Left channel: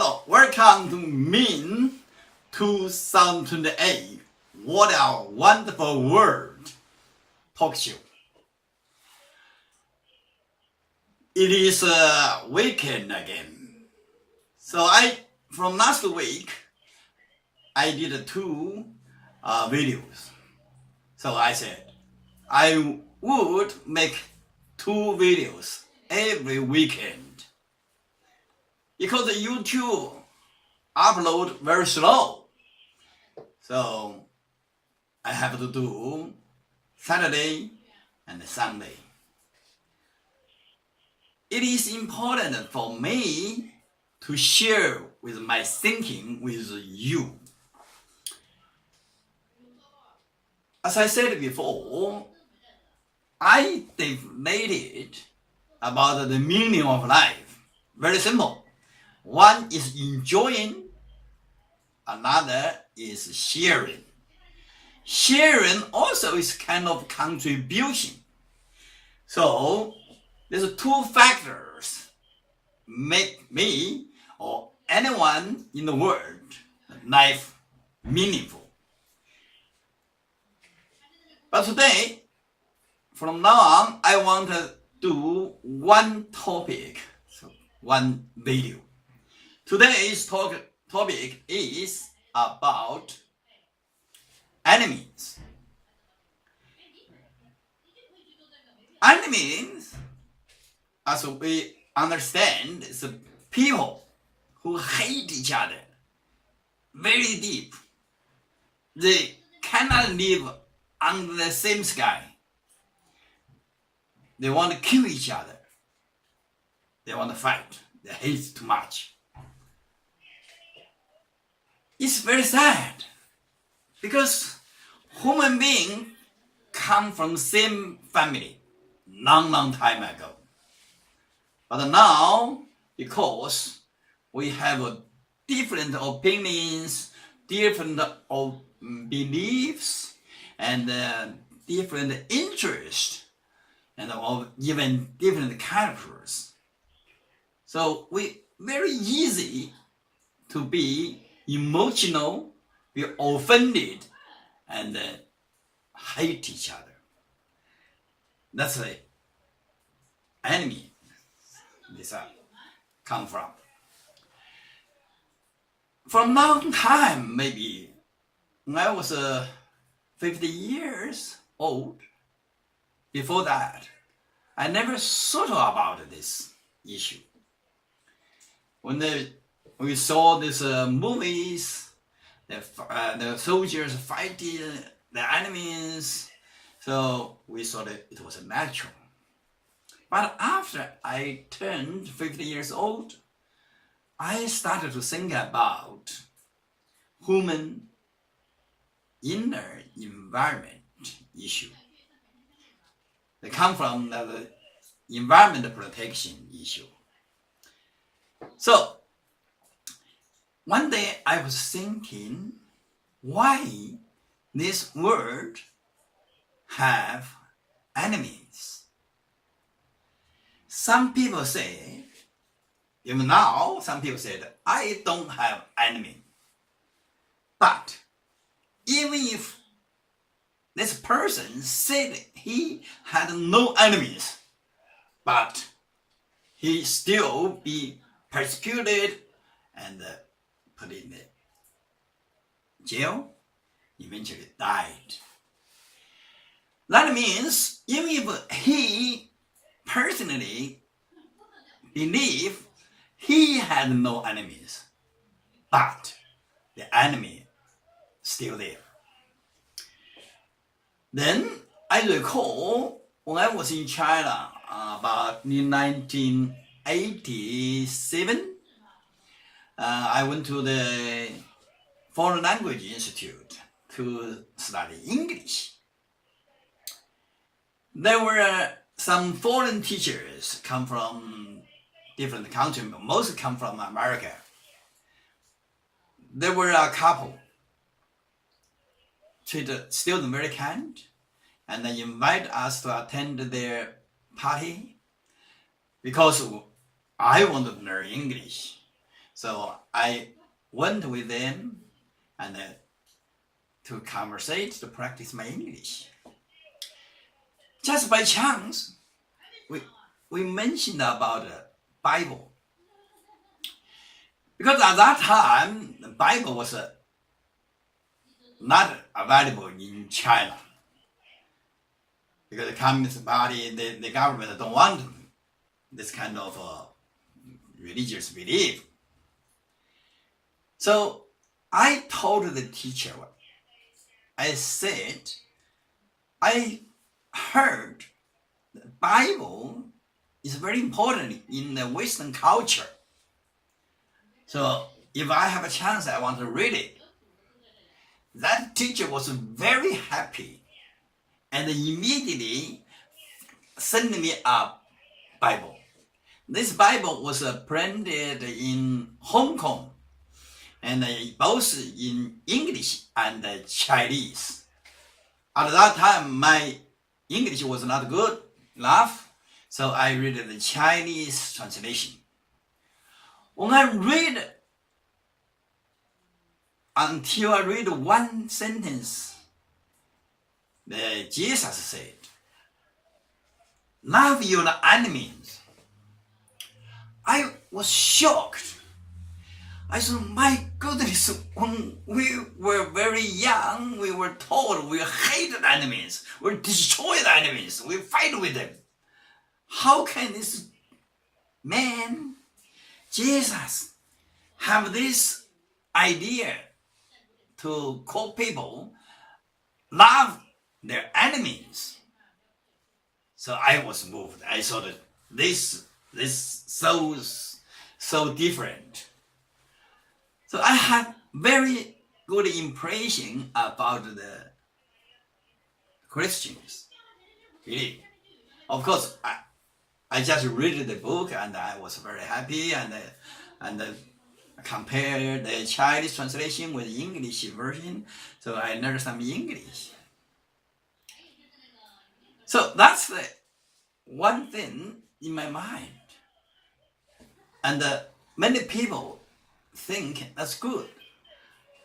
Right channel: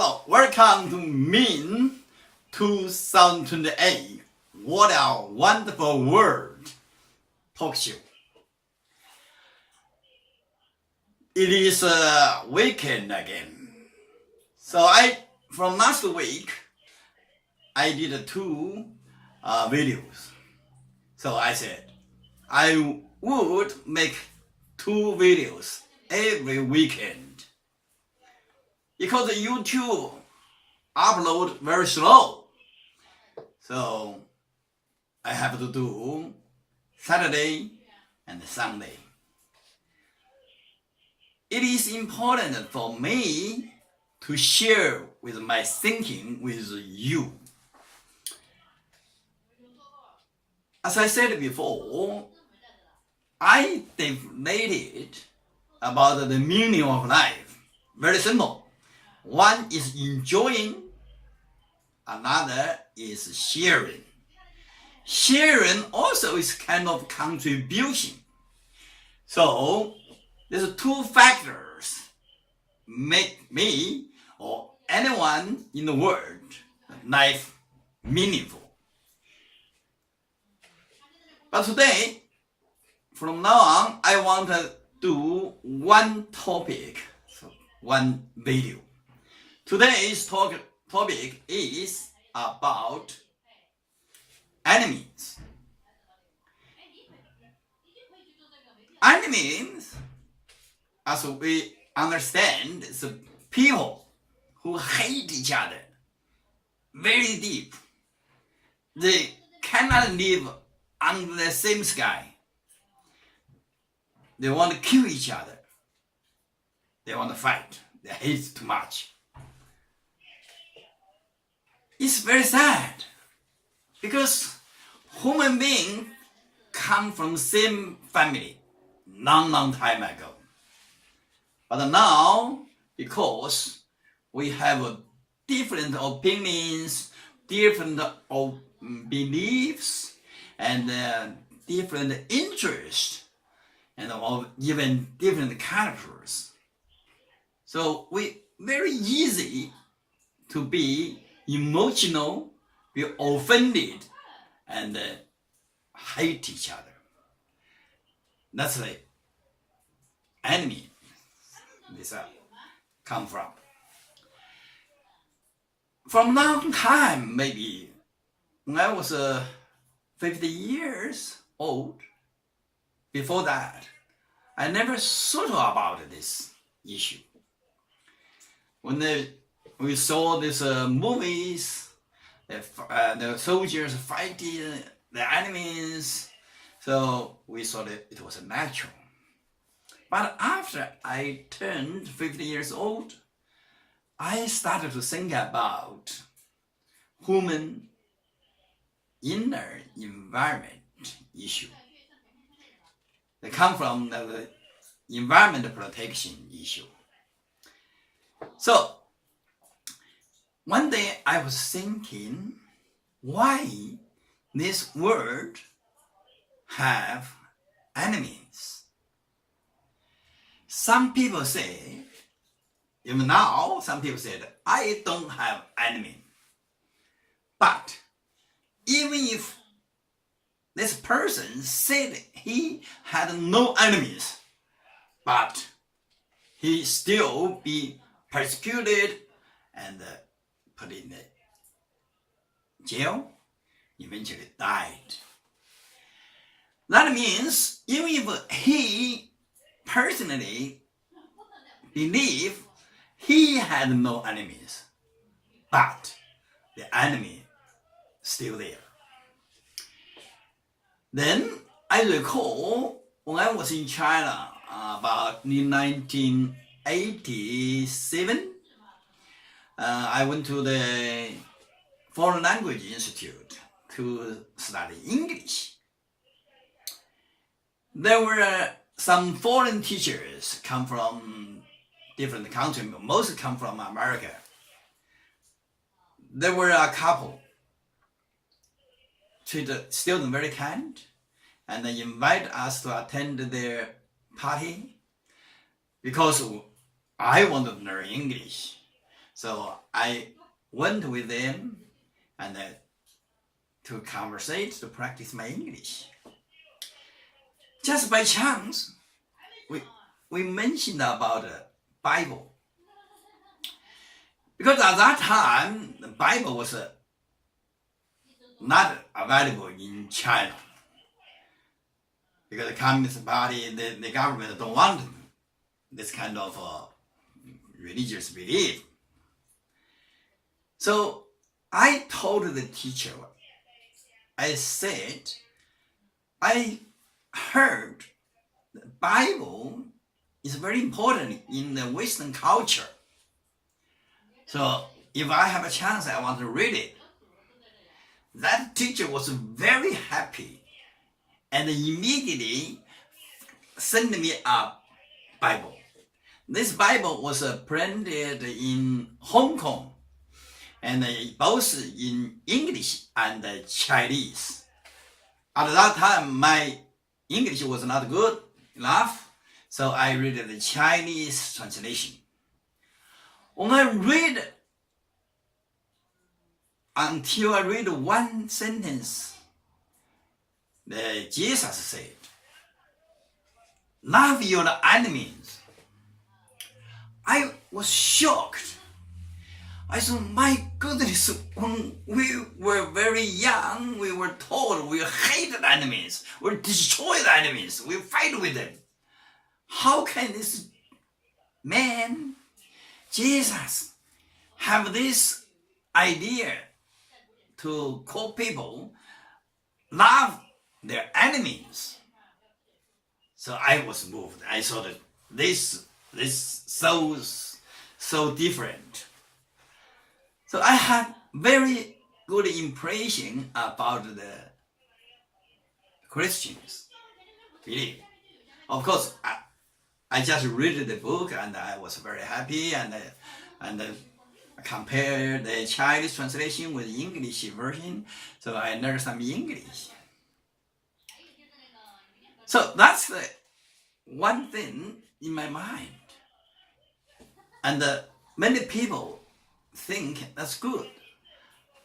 Hello, welcome to Min 2028. What a wonderful world talk show. It is a weekend again. So from last week, I did two videos. So I said I would make two videos every weekend. Because YouTube upload very slow. So I have to do Saturday and Sunday. It is important for me to share with my thinking with you. As I said before, I definited about the meaning of life. Very simple. One is enjoying, another is sharing. Sharing also is kind of contribution. So there's two factors make me or anyone in the world life meaningful. But today, from now on, I want to do one topic, so one video. Today's topic is about enemies. Enemies, as we understand, is people who hate each other very deep. They cannot live under the same sky. They want to kill each other. They want to fight. They hate too much. It's very sad because human beings come from the same family long time ago. But now, because we have different opinions, different beliefs, and different interests, and even different characters. So we very easy to be emotional, be offended, and hate each other. That's the enemy this come from. From long time, maybe when I was 50 years old, before that, I never thought about this issue. When we saw these movies, the soldiers fighting the enemies, so we thought it was natural. But after I turned 50 years old, I started to think about human inner environment issue. They come from the environment protection issue. So one day I was thinking, why this world have enemies? Some people say, even now, some people said, I don't have enemy. But even if this person said he had no enemies, but he still be persecuted and put in the jail, eventually died. That means even if he personally believed he had no enemies, but the enemy still there. Then I recall when I was in China about in 1987, I went to the Foreign Language Institute to study English. There were some foreign teachers come from different countries, but most come from America. There were a couple treated students very kind, and they invite us to attend their party because I wanted to learn English. So I went with them and to conversate, to practice my English. Just by chance, we mentioned about the Bible. Because at that time, the Bible was not available in China. Because the Communist Party, the government don't want this kind of religious belief. So I told the teacher, I said, I heard the Bible is very important in the Western culture. So if I have a chance, I want to read it. That teacher was very happy and immediately sent me a Bible. This Bible was printed in Hong Kong and both in English and Chinese. At that time, my English was not good enough, so I read the Chinese translation. When I read, until I read one sentence, Jesus said, "Love your enemies." I was shocked. I said, my goodness, when we were very young, we were told we hate the enemies, we destroy the enemies, we fight with them. How can this man, Jesus, have this idea to call people love their enemies? So I was moved. I saw that this so different. So I had very good impression about the Christians belief. Of course, I just read the book and I was very happy and compared the Chinese translation with the English version, so I learned some English. So that's the one thing in my mind. And many people think that's good.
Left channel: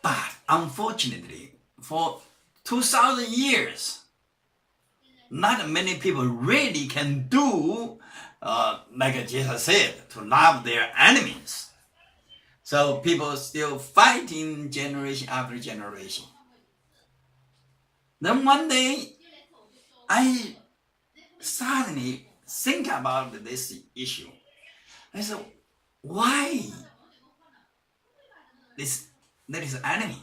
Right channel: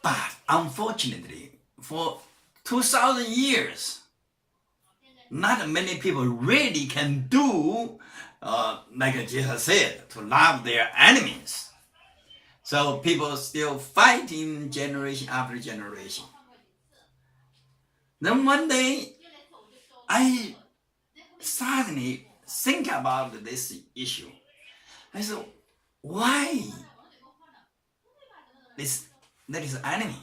But unfortunately, for 2,000 years, not many people really can do, like Jesus said, to love their enemies. So people still fighting generation after generation. Then one day, I suddenly think about this issue. I said, why there is an enemy?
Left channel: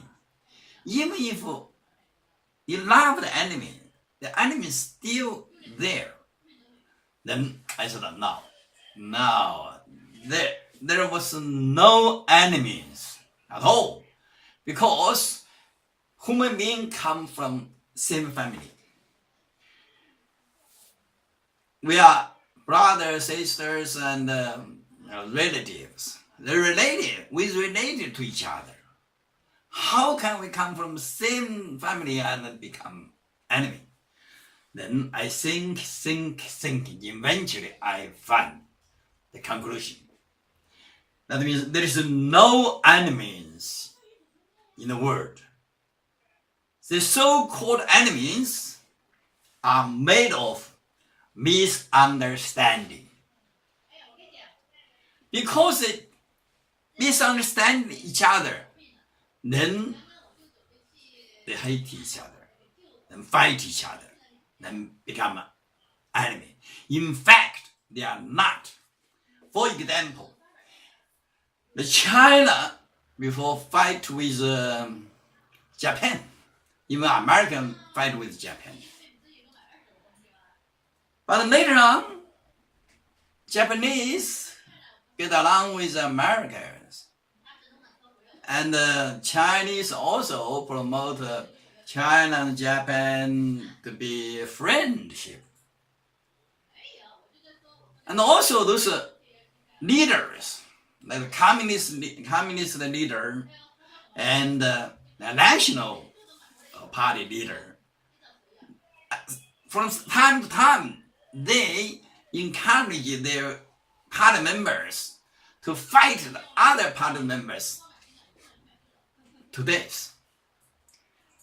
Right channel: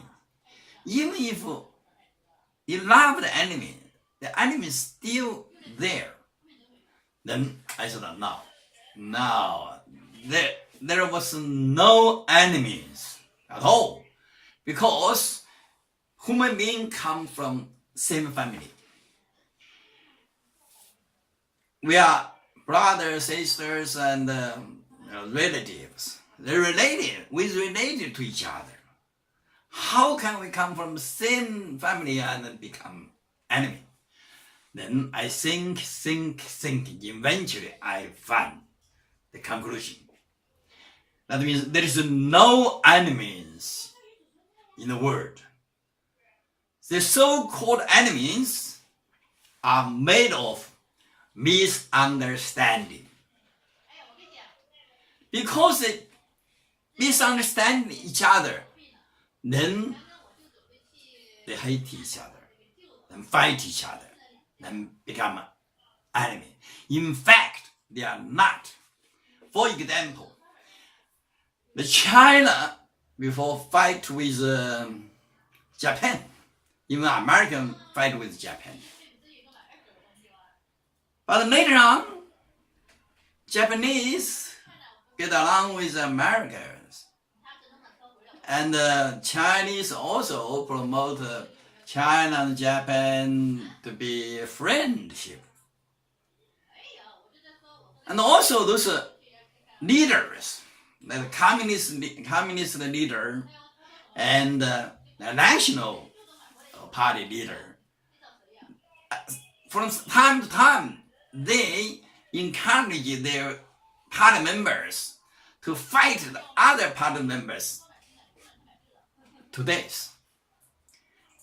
Even if you love the enemy is still there. Then I said, no, there was no enemies at all, because human beings come from same family. We are brothers, sisters, and relatives. They're related. We related to each other. How can we come from same family and become enemy? Then I think. Eventually, I find the conclusion. That means there is no enemies in the world. The so-called enemies are made of misunderstanding. Because they misunderstand each other, then they hate each other, then fight each other, then become enemy. In fact, they are not. For example, the China before fight with Japan, even American fight with Japan. But later on, Japanese get along with Americans. And Chinese also promote China and Japan to be friendship. And also those leaders, like communist leader and the national party leader, from time to time, they encourage their party members to fight the other party members to death.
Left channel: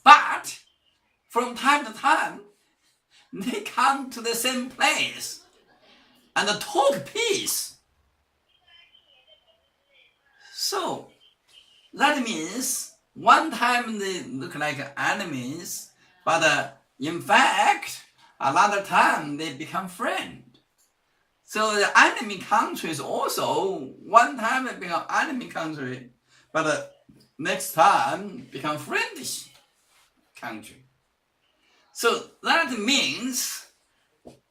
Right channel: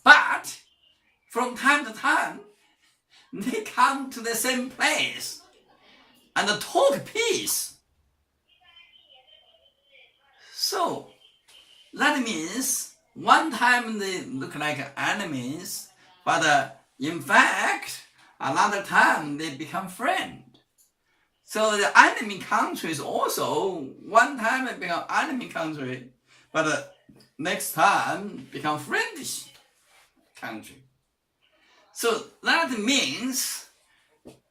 But from time to time, they come to the same place and talk peace. So that means one time they look like enemies, but in fact, another time they become friends. So the enemy countries also one time become enemy country, but next time become friendly country. So that means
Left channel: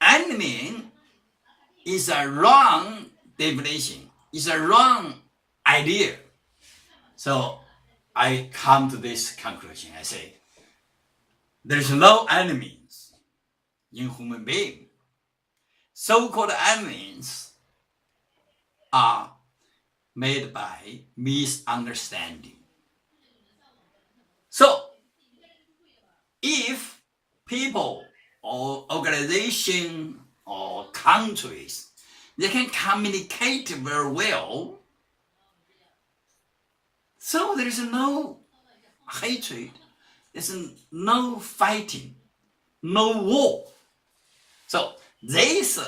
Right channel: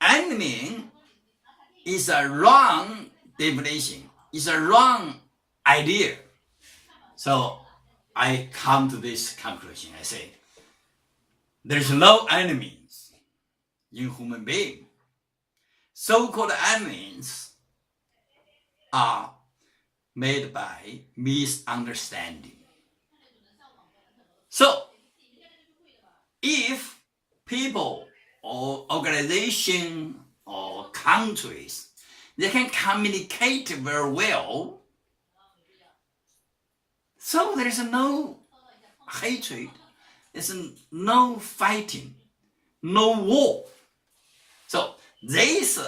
enemy is a wrong definition, is a wrong idea. So I come to this conclusion. I say, there's no enemies in human being. So-called enemies are made by misunderstanding. So if people or organization or countries, they can communicate very well, so there is no hatred, there's no fighting, no war. So this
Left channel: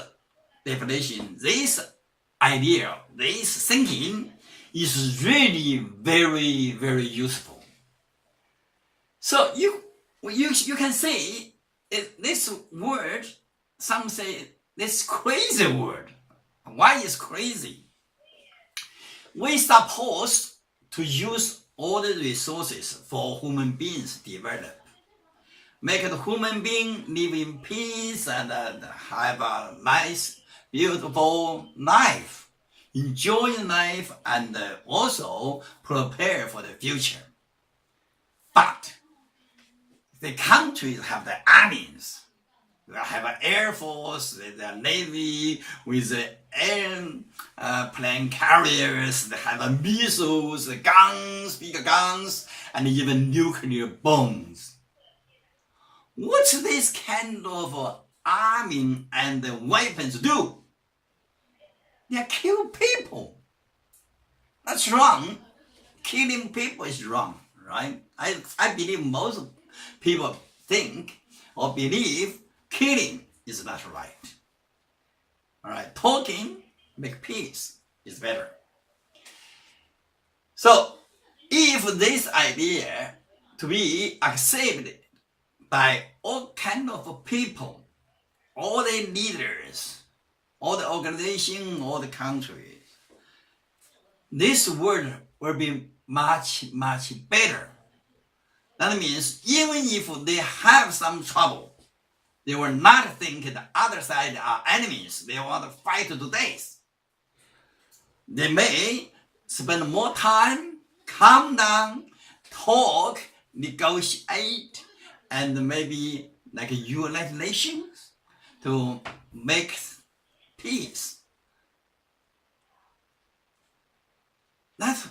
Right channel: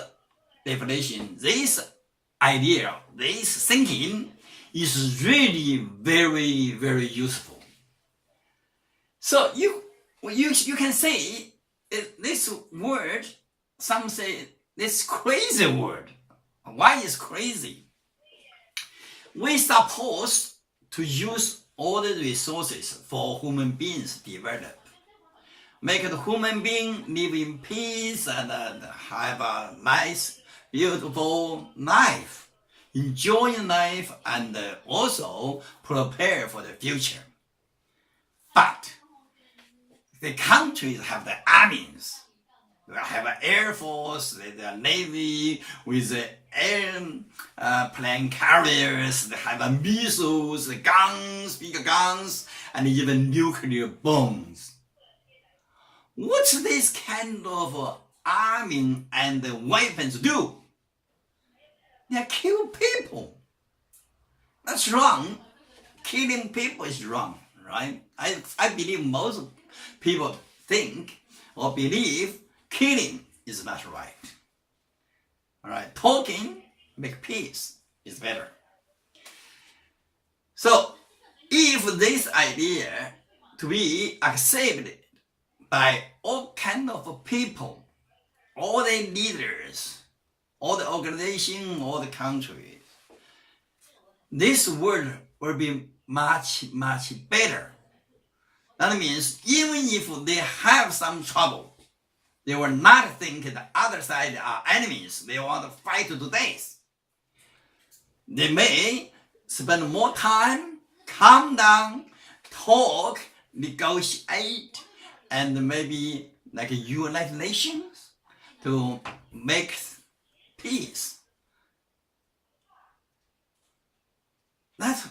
definition, this idea, this thinking is really very, very useful. So you can say this word, some say this crazy word. Why is crazy? We supposed to use all the resources for human beings develop. Make the human being live in peace and have a nice, beautiful life. Enjoy life and also prepare for the future. But the countries have the armies. They have an air force, the navy with the airplane carriers. They have missiles, guns, big guns, and even nuclear bombs. What's this kind of arming and weapons do? They kill people. That's wrong. Killing people is wrong, right? I believe most people think or believe killing is not right. All right, talking, make peace is better. So if this idea to be accepted by all kind of people, all the leaders, all the organization, all the countries, this world will be much, much better. That means even if they have some trouble, they will not think the other side are enemies. They want to fight to death. They may spend more time, calm down, talk, negotiate, and maybe like United Nations to make peace. That's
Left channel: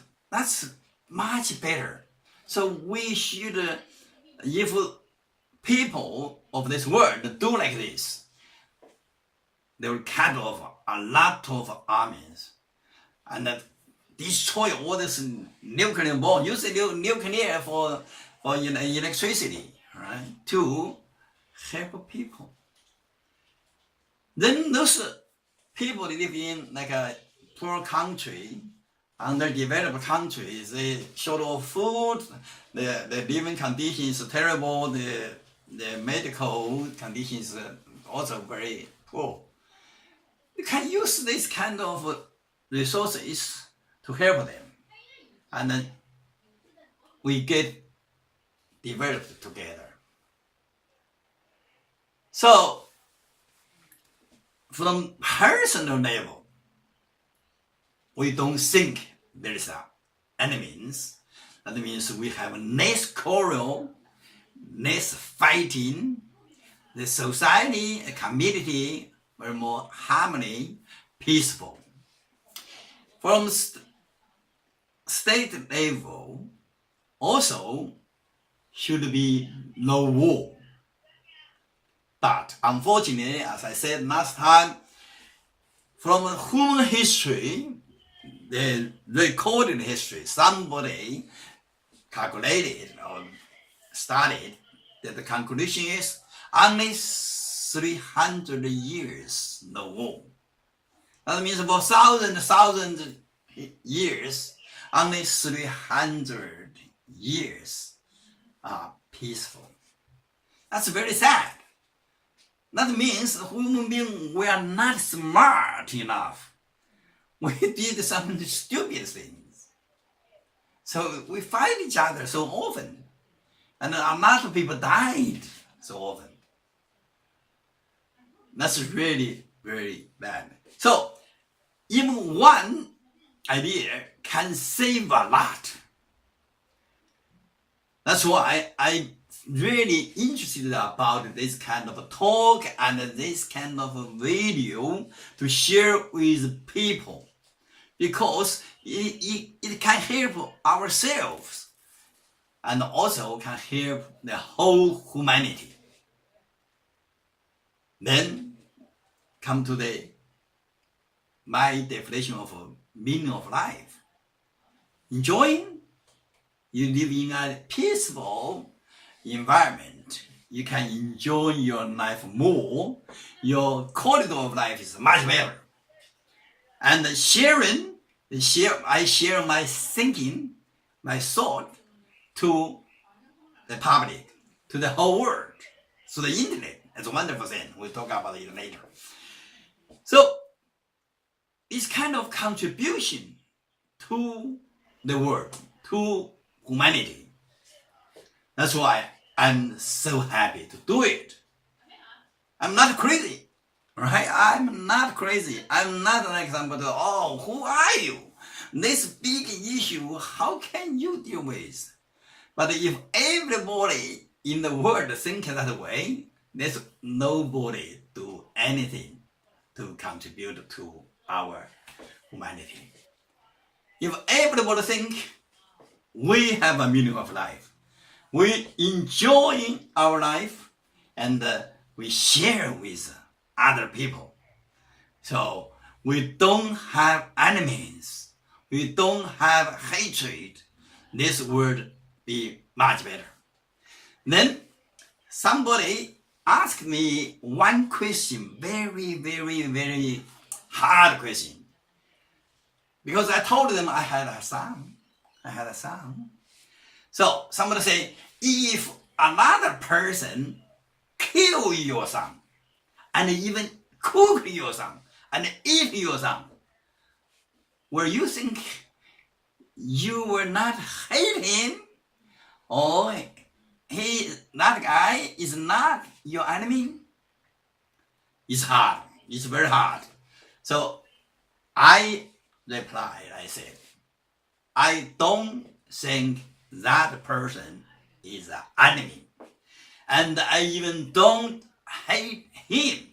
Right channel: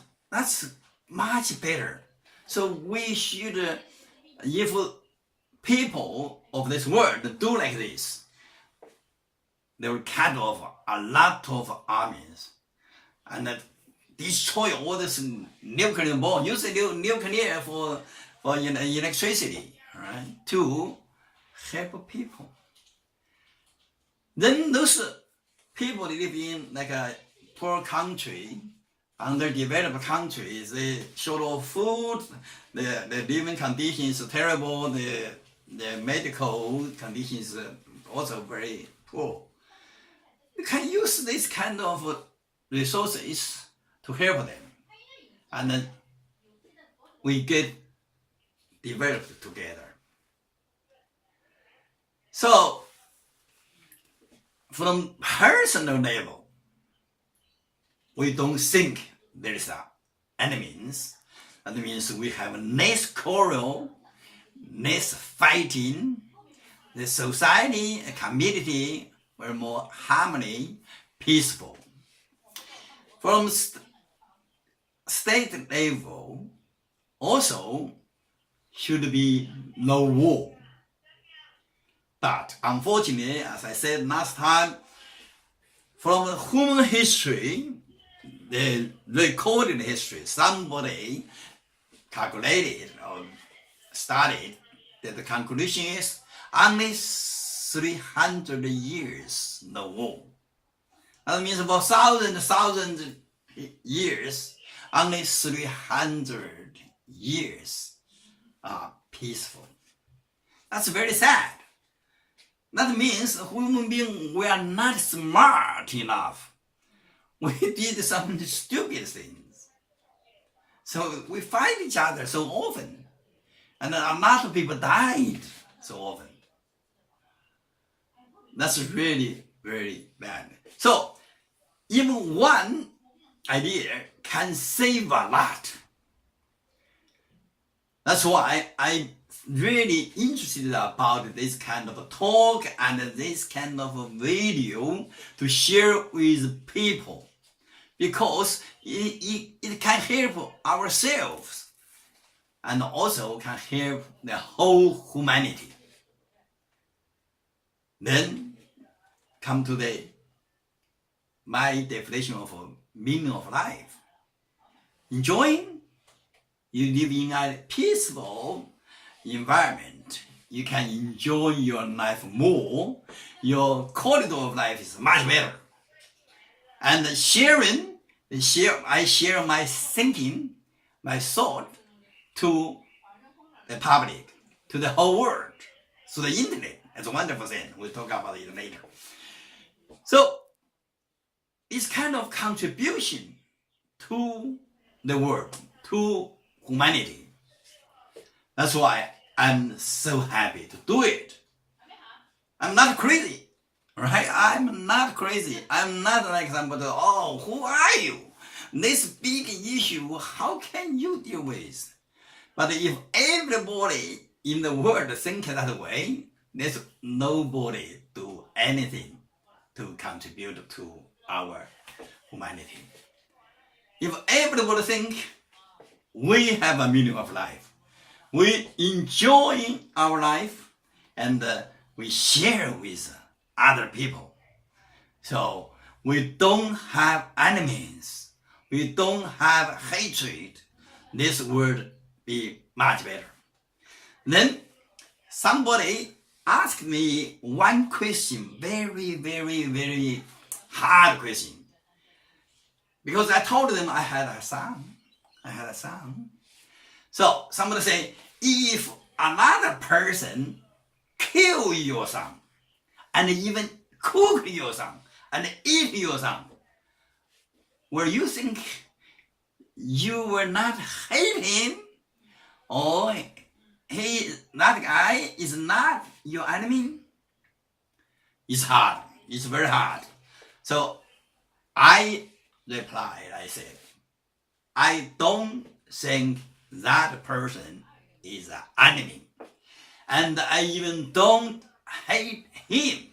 much better. So we should, if people of this world do like this, they will cut off a lot of armies and destroy all this nuclear bomb, use nuclear for electricity, right? To help people. Then those people live in like a poor country, underdeveloped countries, they short of food, the living conditions are terrible, the medical conditions are also very poor. You can use this kind of resources to help them, and then we get developed together. So from personal level, we don't think there is enemies. That means we have less quarrel, less fighting. The society, a community, were more harmony, peaceful. From state level, also should be no war. But unfortunately, as I said last time, from human history, the recorded history, somebody calculated or studied that the conclusion is only 300 years no war. That means for thousand years, only 300 years are peaceful. That's very sad. That means human beings were not smart enough. We did some stupid things. So we fight each other so often. And a lot of people died so often. That's really, very bad. So even one idea can save a lot. That's why I'm really interested about this kind of talk and this kind of video to share with people, because it can help ourselves and also can help the whole humanity. Then come to my definition of meaning of life. Enjoying, you live in a peaceful environment. You can enjoy your life more. Your quality of life is much better. And sharing, I share my thinking, my thought to the public, to the whole world, to the internet. It's a wonderful thing. We'll talk about it later. So it's kind of contribution to the world, to humanity. That's why I'm so happy to do it. I'm not crazy, right? I'm not crazy. I'm not like somebody, oh, who are you? This big issue, how can you deal with? But if everybody in the world think that way, there's nobody do anything to contribute to our humanity. If everybody think we have a meaning of life, we enjoy our life, and we share with other people. So we don't have enemies. We don't have hatred. This would be much better. Then somebody asked me one question, very, very, very hard question. Because I told them I had a son. So somebody say, if another person kill your son, and even cook your son, and eat your son, will you think you will not hate him? Or that guy is not your enemy? It's hard. It's very hard. So I replied, I said, I don't think that person is an enemy. And I even don't hate him.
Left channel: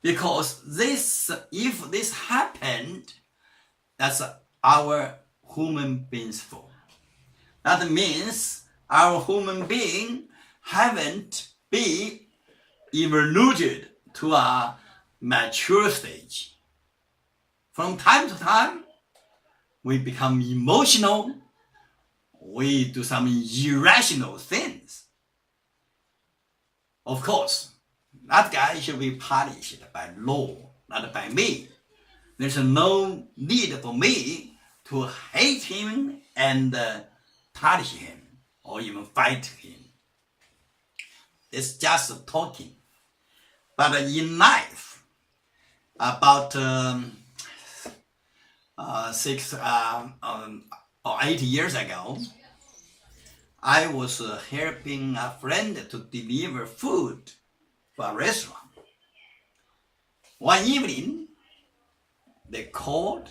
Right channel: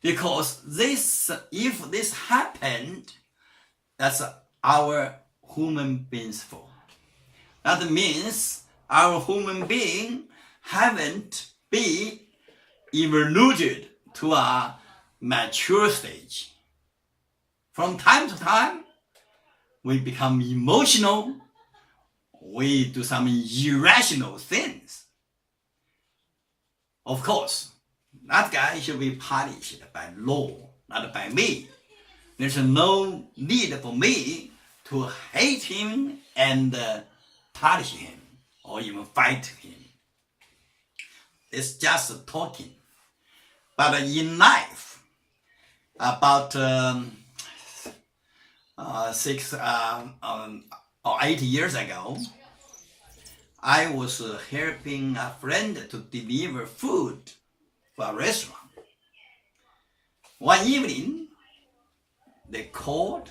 Because if this happened, that's our human being's fault. That means our human being haven't been evolved to a mature stage. From time to time, we become emotional. We do some irrational things. Of course, that guy should be punished by law, not by me. There's no need for me to hate him and punish him or even fight him. It's just talking. But in life, about 6 or 8 years ago, I was helping a friend to deliver food for a restaurant. One evening, they called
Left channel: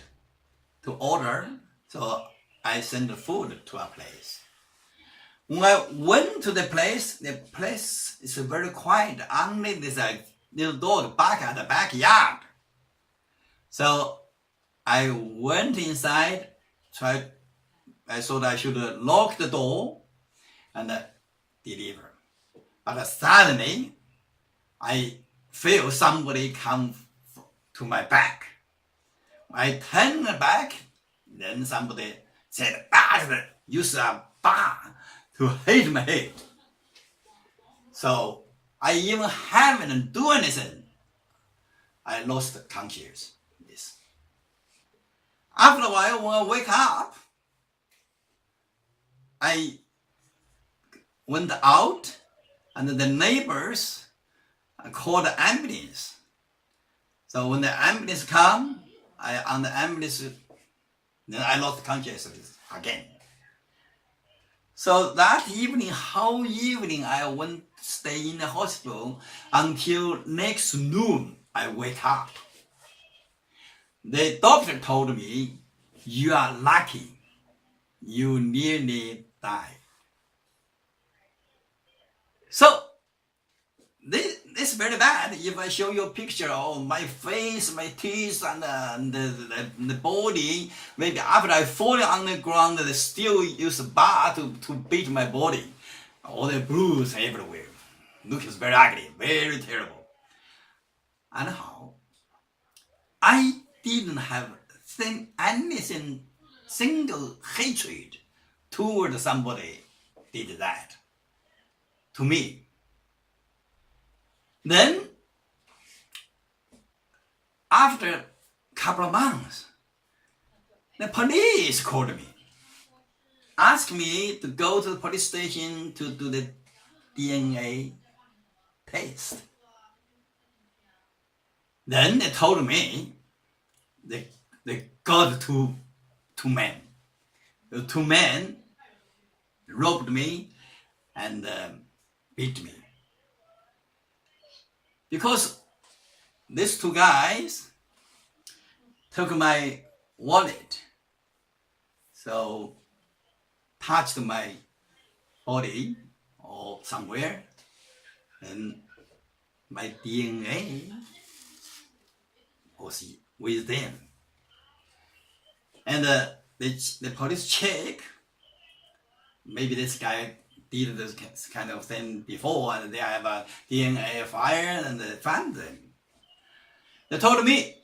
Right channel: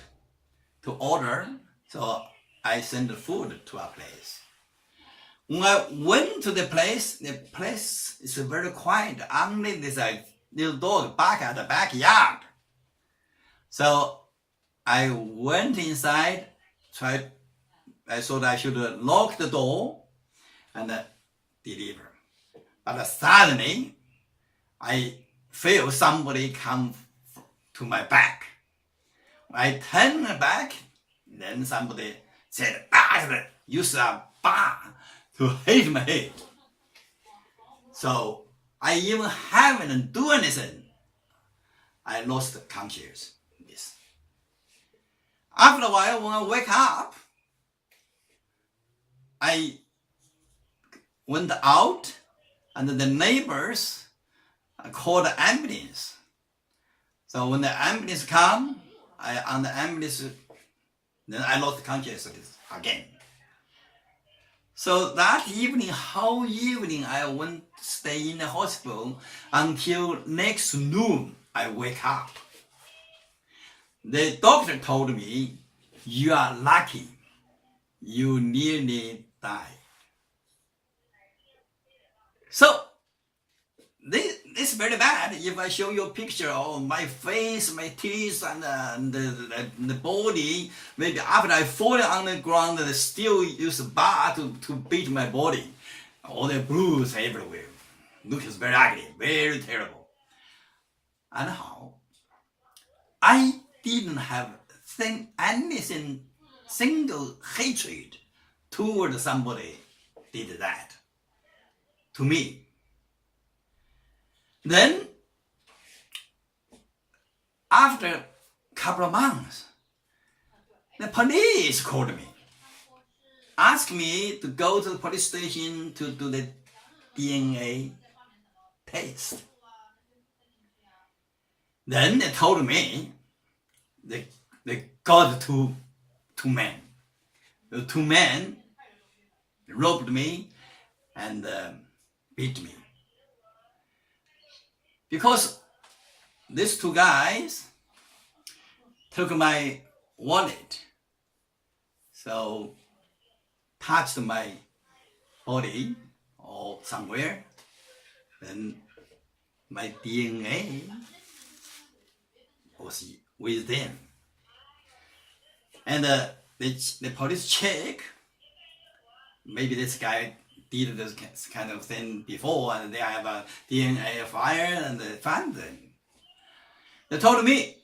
to order, so I sent the food to a place. When I went to the place is very quiet. Only this little dog bark at the backyard. So I went inside, I thought I should lock the door and deliver. But suddenly, I feel somebody come to my back. I turned back, then somebody said, bastard, use a bar to hit my head. So I even haven't done anything. I lost consciousness. After a while, when I wake up, I went out, and the neighbors called the ambulance. So when the ambulance come, on the ambulance, then I lost consciousness again. So that evening, whole evening, I went to stay in the hospital until next noon. I wake up. The doctor told me, you are lucky. You nearly died. So this is very bad. If I show you a picture of my face, my teeth, and the body, maybe after I fall on the ground, they still use a bar to beat my body. All the bruise everywhere. Looks very ugly, very terrible. Anyhow, I didn't have anything, single hatred toward somebody did that to me. Then, after a couple of months, the police called me, asked me to go to the police station to do the DNA test. Then they told me they got two men. The two men robbed me and beat me. Because these two guys took my wallet, so touched my body or somewhere, and my DNA was with them. And the police check, maybe this guy did this kind of thing before, and they have a DNA file, and they found them. They told me,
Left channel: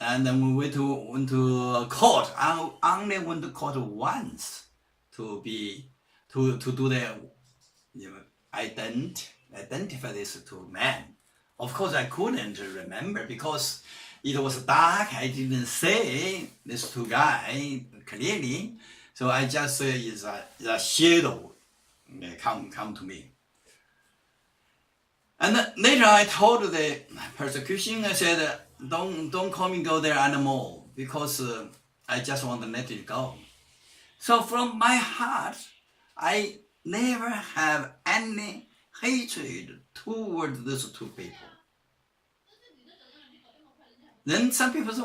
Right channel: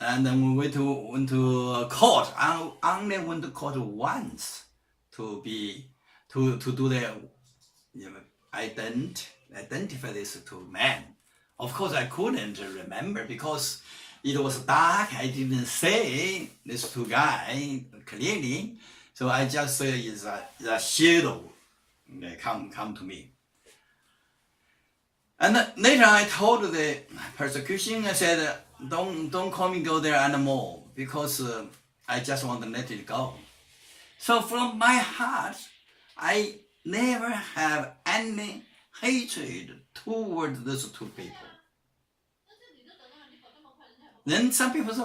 and then we went to court. I only went to court once to do the identify these two men. Of course, I couldn't remember because it was dark. I didn't see these two guys clearly, so I just saw it's a shadow come to me. And later I told the persecution, I said, don't call me go there anymore, because I just want to let it go. So from my heart, I never have any hatred toward those two people. Then some people say,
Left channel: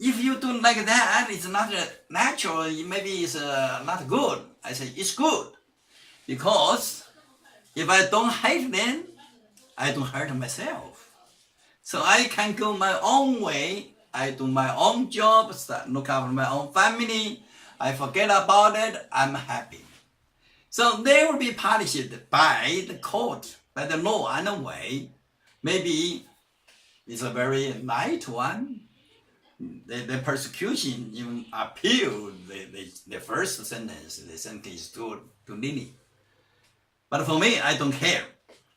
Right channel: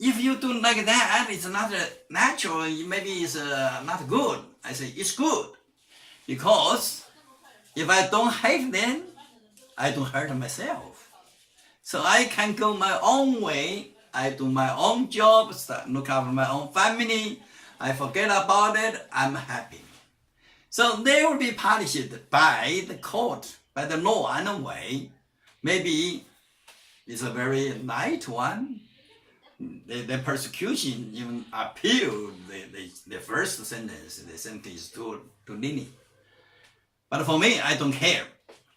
if you do like that, it's not natural, maybe it's not good. I say, it's good. Because if I don't hate them, I don't hurt myself. So I can go my own way. I do my own job, look after my own family. I forget about it. I'm happy. So they will be punished by the court, by the law anyway. Maybe it's a very light one. The persecution even appealed the first sentence. The sentence is too lenient. But for me, I don't care.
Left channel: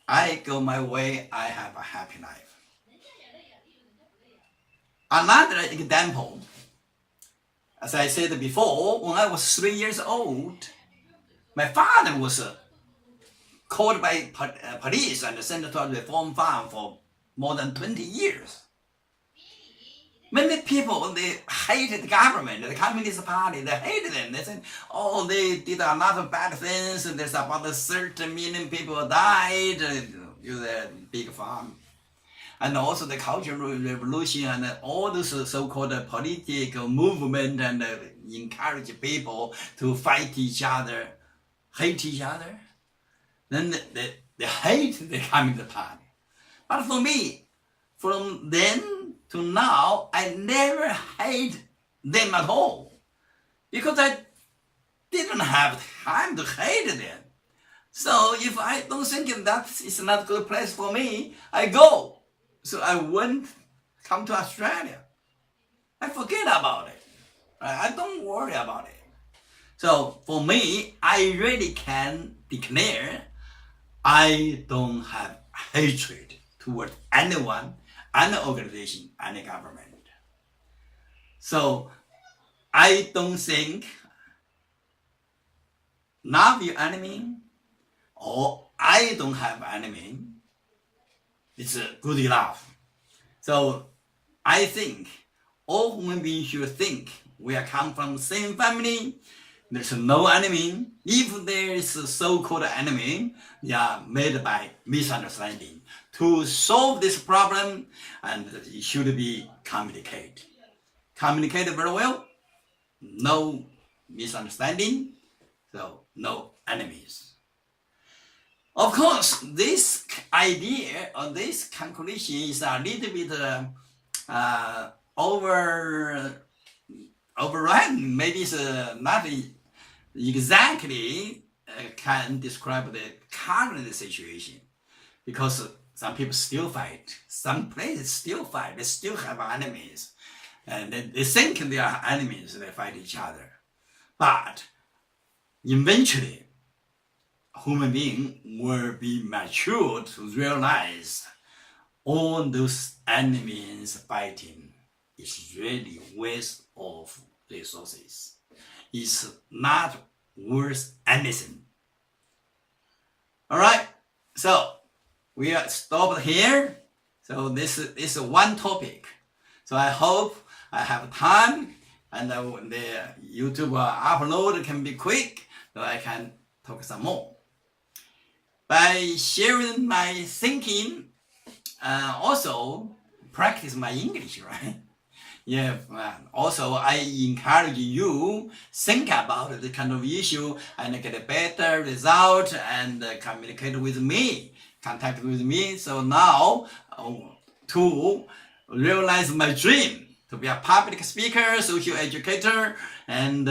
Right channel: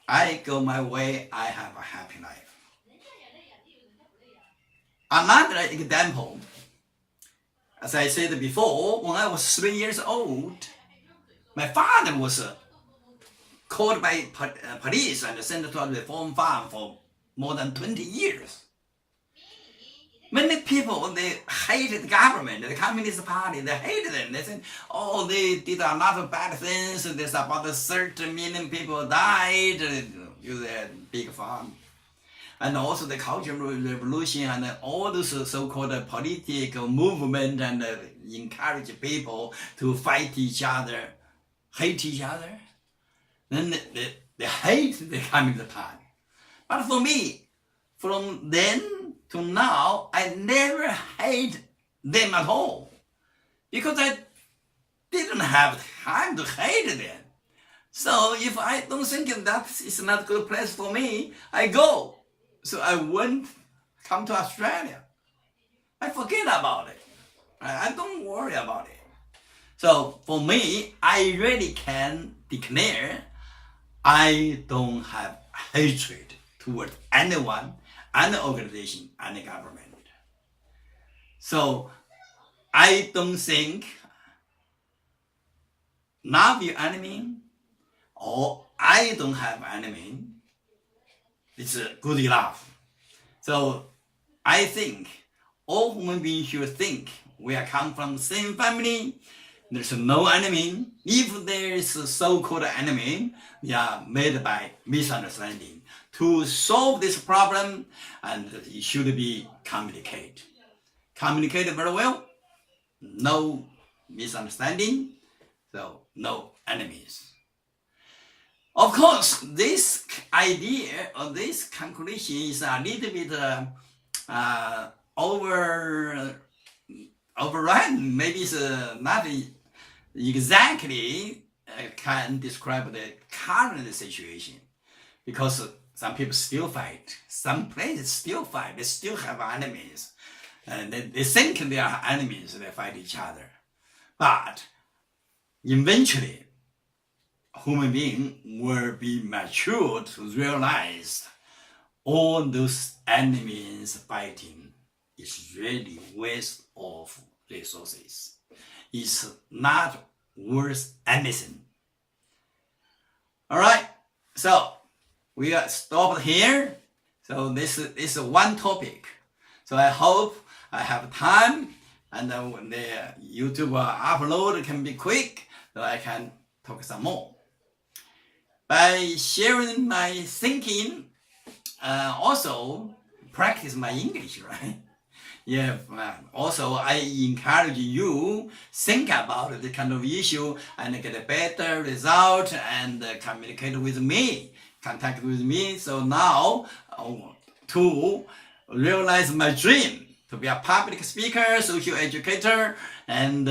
I go my way. I have a happy life. Another example, as I said before, when I was 3 years old, my father was called by police and sent to a reform farm for more than 20 years. Many people, they hated the government, the Communist Party, they hated them. They said, oh, they did a lot of bad things. There's about 30 million people died with a big farm. And also the Cultural Revolution and all those so-called political movement and encourage people to fight each other, hate each other. Then they hate the Communist Party. But for me, from then to now, I never hate them at all, because I didn't have time to hate them. So if I don't think that is not a good place for me, I go. So I come to Australia. I forget about it. I don't worry about it. So for me, I really can declare I don't have hatred toward anyone, any organization, any government. So I don't think love your enemy or I don't have enemy. It's good enough. So I think all human beings should think we are come from the same family. There's no enemy. If there is a so-called enemy, they are made by misunderstanding. To solve this problem, and it should be communicated. Communicated very well, no misunderstanding, so no enemies. Of course, this idea or this conclusion is a little bit overrun. Maybe it's not exactly can describe the current situation, because some people still fight, some places still fight, they still have enemies, and they think they are enemies, they fight each other. But eventually, human being will be mature to realize all those enemies fighting is really waste of resources. It's not worth anything. All right, so we are stopped here. So this is one topic. So I hope I have time, and the YouTube upload can be quick, so I can talk some more. By sharing my thinking, also practice my English, right? Yeah. Also, I encourage you think about the kind of issue and get a better result and communicate with me, contact with me. So now, to realize my dream to be a public speaker, social educator, and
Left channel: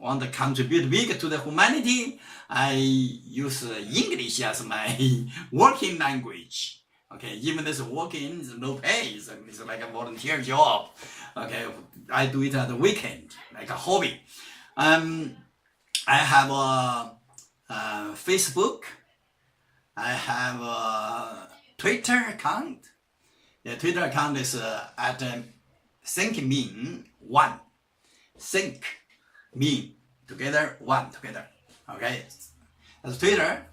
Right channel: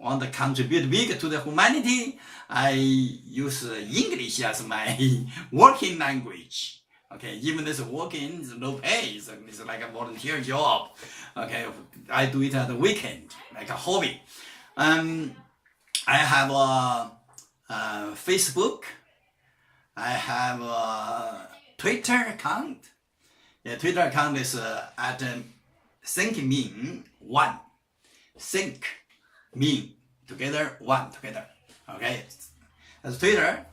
want to contribute big to the humanity, I use English as my working language. Okay, even this working is no pay, so it's like a volunteer job. Okay, I do it at the weekend, like a hobby. I have a Facebook. I have a Twitter account. The Twitter account is at thinkmean1. Think, mean, together, one, together. Okay, that's Twitter.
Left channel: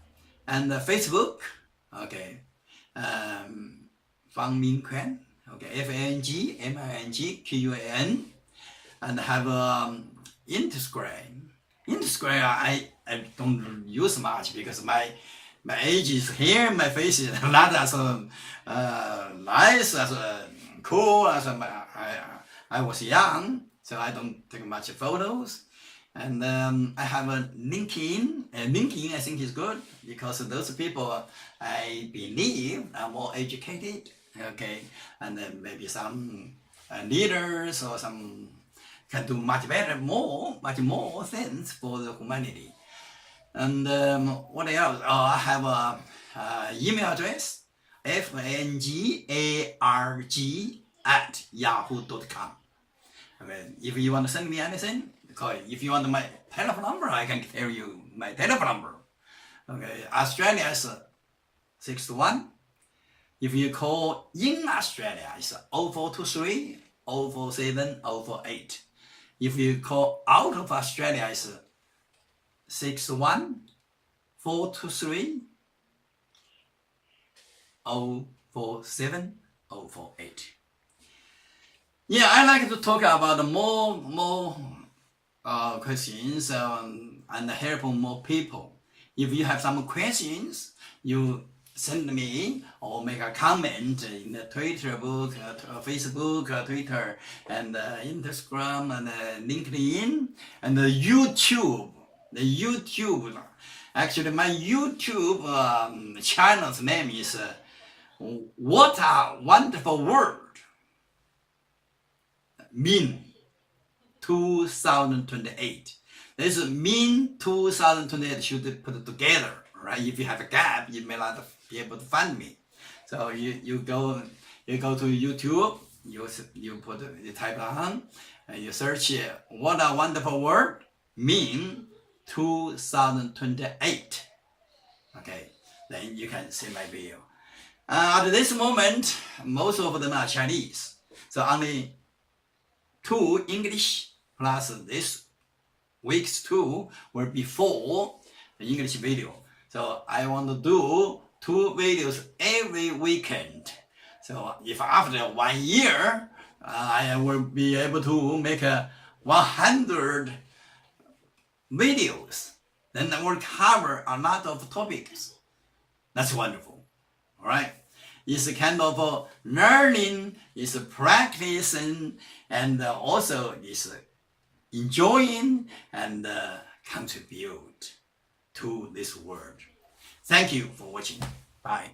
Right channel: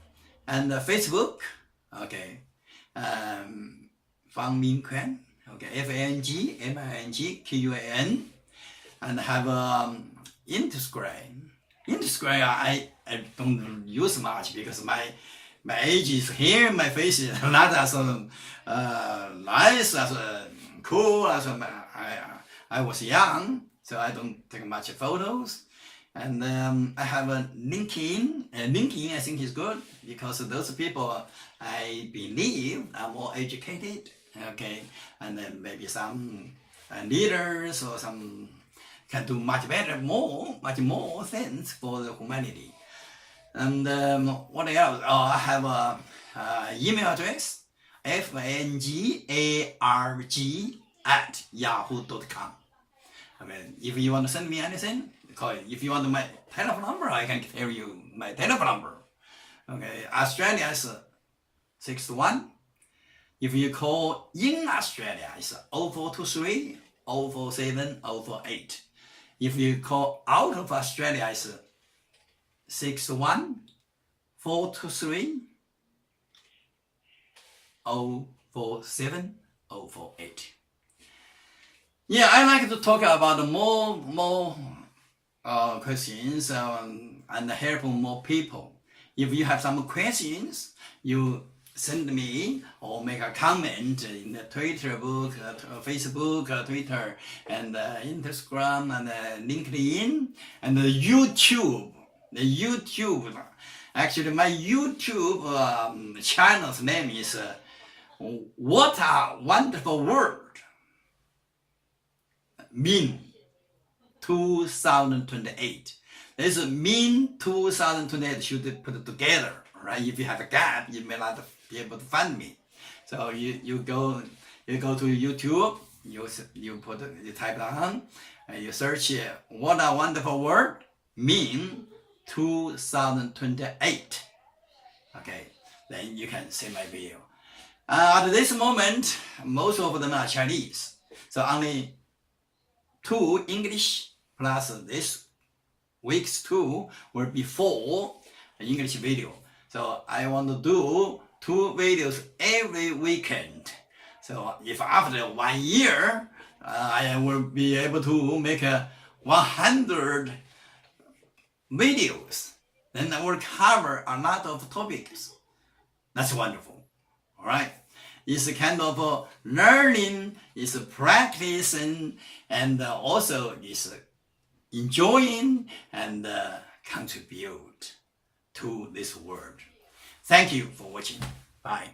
And Facebook, okay, Fang Min Quan, okay, FANGMINGQUAN, and have Instagram. Instagram I don't use much because my age is here, my face is not as nice, as cool as I was young, so I don't take much photos. And I have a LinkedIn. LinkedIn I think is good because those people I believe are more educated, okay, and then maybe some leaders or some can do much more things for the humanity. And what else? I have a email address, fangarg@yahoo.com. I mean, if you want to send me anything, call it. If you want my telephone number, I can tell you my telephone number. Okay, Australia is 61. If you call in Australia, it's 0423 047 048. If you call out of Australia, it's 61 423 047 048. Yeah, I like to talk about more questions and help more people. If you have some questions, you send me or make a comment in the Twitter book, Facebook, Twitter, and Instagram, and LinkedIn, and YouTube. The YouTube, actually my YouTube channel's name is What a Wonderful World. Mean 2028. This Mean 2028 should put it together, right? If you have a gap, you may not be able to find me. So you go to YouTube, you type on, and you search what a wonderful word mean 2028. Okay, then you can see my video. At this moment, most of them are Chinese, so only 2 English plus this week's 2 will be 4 English video. So I want to do 2 videos every weekend. So if after 1 year, I will be able to make 100 videos, then I will cover a lot of topics. That's wonderful. All right. It's a kind of learning, it's practicing, and also it's enjoying and contribute to this world. Thank you for watching. Bye.